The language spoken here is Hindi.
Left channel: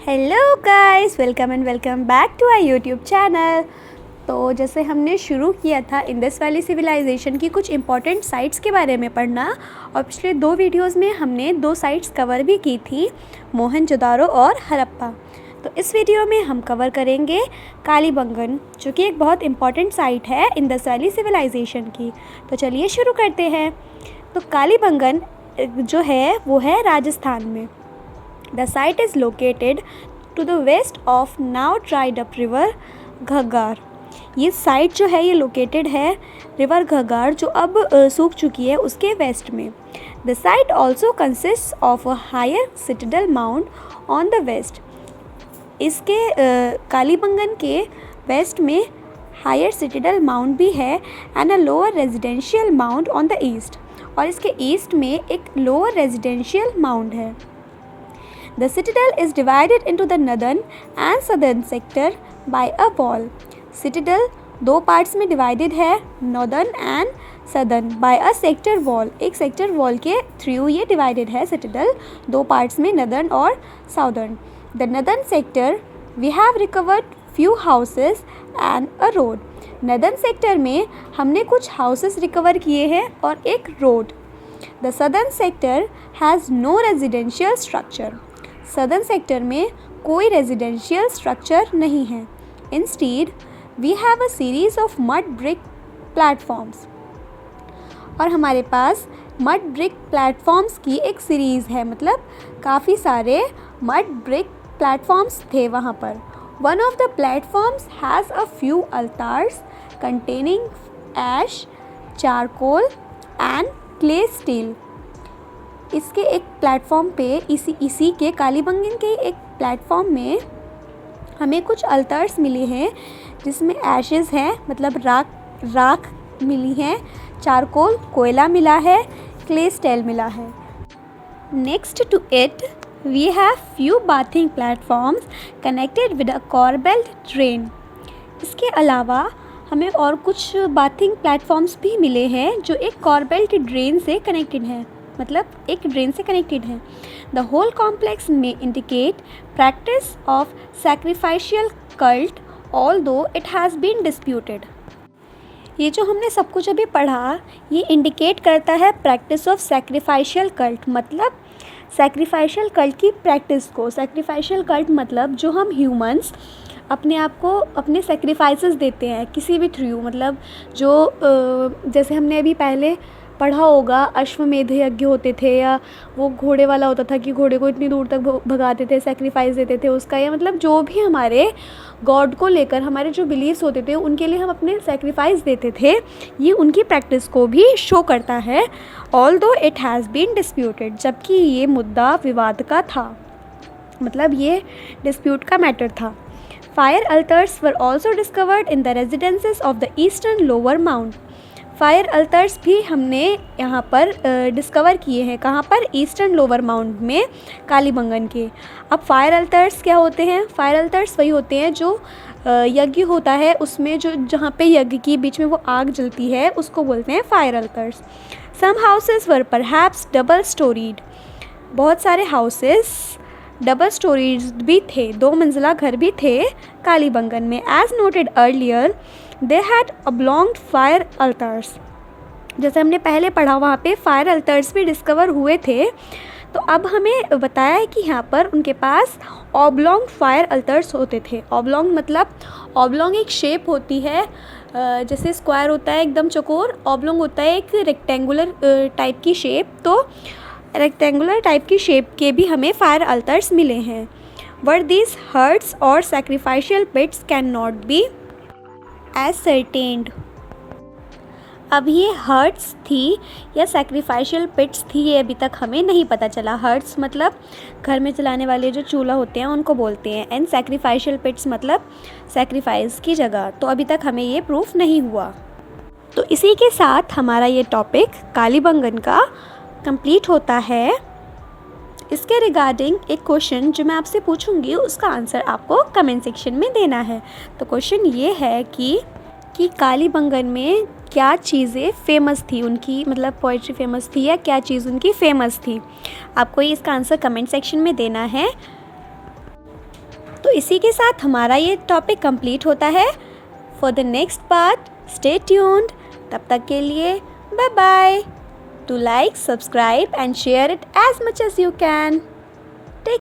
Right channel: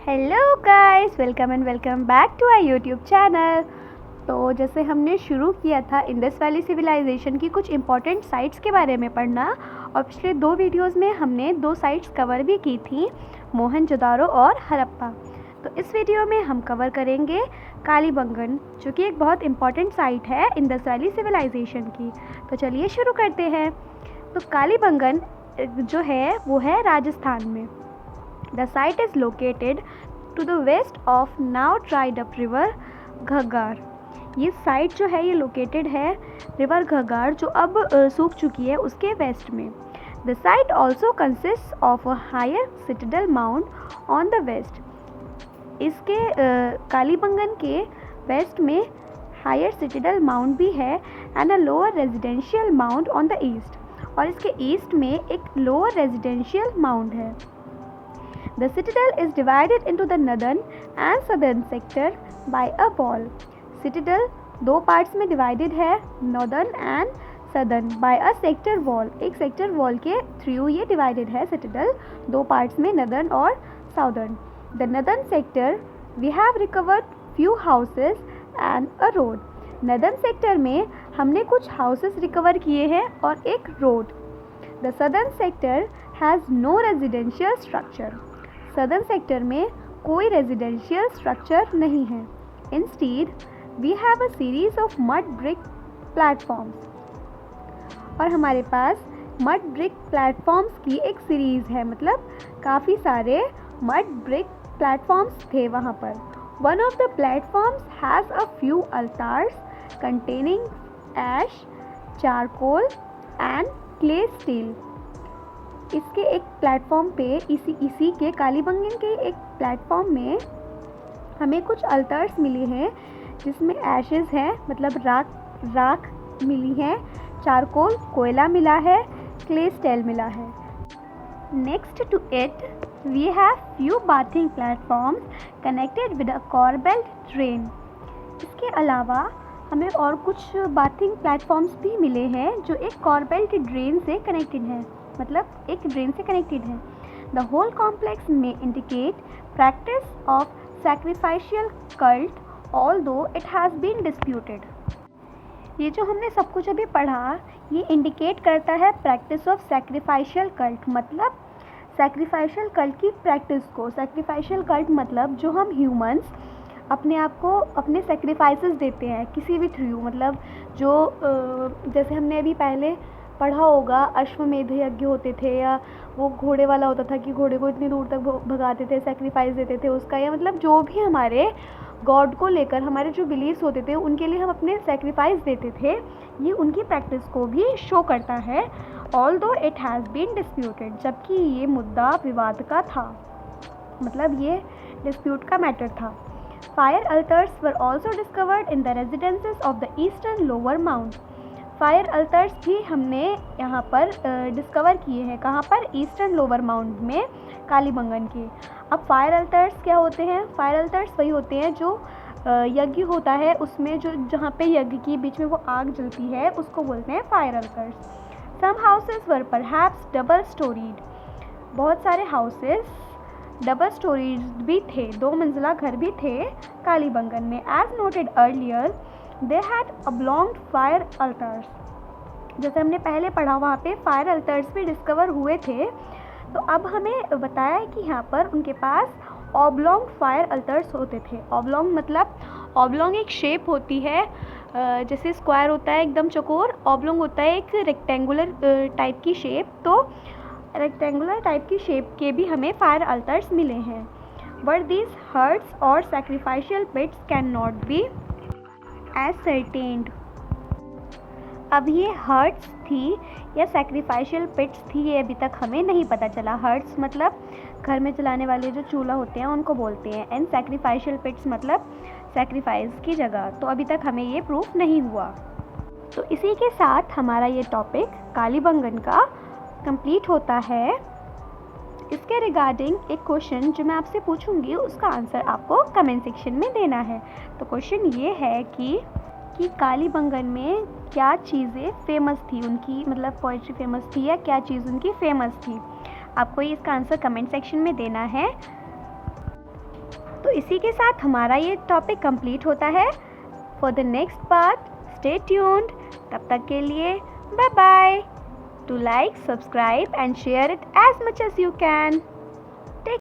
Hello guys, welcome back to our YouTube channel. तो जैसे हमने शुरू किया था इंडस वैली सिविलाइजेशन की कुछ इंपॉर्टेंट साइट्स के बारे में पढ़ना, और पिछले 2 वीडियोस में हमने 2 साइट्स कवर भी की थी, मोहनजोदारो और हड़प्पा। तो इस वीडियो में हम कवर करेंगे कालीबंगन, जो कि एक बहुत इंपॉर्टेंट साइट है इंडस वैली सिविलाइजेशन की। तो चलिए शुरू करते हैं। तो कालीबंगन जो है वो है राजस्थान में। The site is located to the west of now dried up river घग्गार। ये साइट जो है ये लोकेटेड है रिवर घग्गार, जो अब सूख चुकी है, उसके वेस्ट में। The site also consists of a higher citadel mound on the west। इसके कालीबंगन के वेस्ट में हायर सिटिडल माउंट भी है and a lower residential mount on the east, और इसके ईस्ट में एक लोअर रेजिडेंशियल माउंट है। The citadel is divided into the northern and southern sector by a wall। Citadel 2 parts में डिवाइडेड है, northern and southern by a sector wall। एक सेक्टर वॉल के थ्रू ये डिवाइडेड है citadel 2 पार्ट्स में, northern और southern। The northern sector we have recovered few houses and a road। northern sector में हमने कुछ houses रिकवर किए हैं और एक road। The southern sector has no residential structure। Southern sector में कोई रेजिडेंशियल स्ट्रक्चर नहीं है। Instead we have a series of mud brick platforms, और हमारे पास मड ब्रिक प्लेटफॉर्म्स की एक सीरीज़ है, मतलब काफ़ी सारे मड ब्रिक प्लेटफॉर्म्स थे वहाँ पर। One of the platforms has a few altars containing ash, charcoal and clay stele. इसके एक प्लेटफॉर्म पे इसी के कालीबंगन के एक प्लेटफॉर्म में हमें कुछ अल्टार्स मिले हैं, जिसमें ऐशेस हैं, मतलब राख मिली है, चारकोल कोयला मिला है, क्ले स्टेल मिला है। Next to it we have few bathing platforms connected with a corbelled drain. इसके अलावा हमें और कुछ बाथिंग प्लेटफॉर्म्स भी मिले हैं जो एक कॉर्बेल्ट ड्रेन से कनेक्टेड हैं, मतलब एक ड्रेन से कनेक्टेड है। द होल कॉम्प्लेक्स में indicate practice of sacrificial cult although it has been disputed. ये जो हमने सब कुछ अभी पढ़ा, ये इंडिकेट करता है प्रैक्टिस ऑफ सैक्रिफाइशियल कल्ट, मतलब सैक्रिफाइशियल कल्ट की प्रैक्टिस को। सैक्रिफाइशियल कल्ट मतलब जो हम ह्यूमंस अपने आप को अपने सेक्रीफाइसेस देते हैं किसी भी थ्रू, मतलब जो जैसे हमने अभी पहले पढ़ा होगा, अश्वमेध यज्ञ होते थे, या वो घोड़े वाला होता था कि घोड़े को इतनी दूर तक भगाते थे, सेक्रीफाइस देते थे उसका, या मतलब जो भी हमारे गॉड को लेकर हमारे जो बिलीव्स होते थे उनके लिए हम अपने सेक्रीफाइस देते थे। ये उनकी प्रैक्टिस को भी शो करता है, although it has been disputed, जबकि ये मुद्दा विवाद का था, मतलब ये डिस्प्यूट का मैटर था। Fire altars were also discovered in the residences of the eastern lower mount. Fire altars भी हमने यहाँ पर डिस्कवर किए हैं, कहाँ पर? ईस्टर्न लोअर माउंट में कालीबंगन के। अब फायर अल्टर्स क्या होते हैं? फायर अल्टर्स वही होते हैं जो यज्ञ होता है उसमें जो जहाँ पे यज्ञ की बीच में वो आग जलती है, उसको बोलते हैं fire altars. Some houses were perhaps double storied. बहुत सारे हाउसेस डबल स्टोरीज भी थे, 2 मंजिला घर भी थे कालीबंगन में। As noted earlier they had oblong fire altars. जैसे हमने पहले पढ़ा, वहाँ पे फायर अल्टर्स भी डिस्कवर हुए थे। तो अब हमें बताया है कि यहाँ पर उनके पास ऑब्लॉन्ग फायर अल्टर्स होते थे। ऑब्लॉन्ग मतलब ऑब्लॉन्ग एक शेप होती है, जैसे स्क्वायर होता है एकदम चौकोर, ऑब्लॉन्ग होता है एक रेक्टेंगुलर टाइप की शेप। तो रेक्टेंगुलर टाइप की शेप के भी हमें फायर अल्टर्स मिले हैं। बट दीज हर्ट्स और सैक्रिफाइशियल पिट्स कैन नॉट बी एसर्टेन्ड। अब ये हर्ट्स थी या सैक्रिफाइशियल पिट्स थी, ये अभी तक हमें नहीं पता चला। हर्ट्स मतलब घर में जलाने वाले जो चूल्हा होते हैं उनको बोलते हैं, एंड सैक्रिफाइशियल पिट्स मतलब सैक्रिफाइस की जगह। तो अभी तक हमें ये प्रूफ नहीं हुआ। तो इसी के साथ हमारा ये टॉपिक कालीबंगन का कंप्लीट होता है। इसके रिगार्डिंग एक क्वेश्चन जो मैं आपसे पूछूंगी, उसका आंसर आपको कमेंट सेक्शन में देना है। तो क्वेश्चन ये है कि कालीबंगन में क्या चीज़ें फेमस थी उनकी, मतलब पोइट्री फेमस थी या क्या चीज़ उनकी फेमस थी। आपको ये इसका आंसर कमेंट सेक्शन में देना है। तो इसी के साथ हमारा ये टॉपिक कंप्लीट होता है। For the next part stay tuned. तब तक के लिए bye bye. To like, subscribe and share it as much as you can.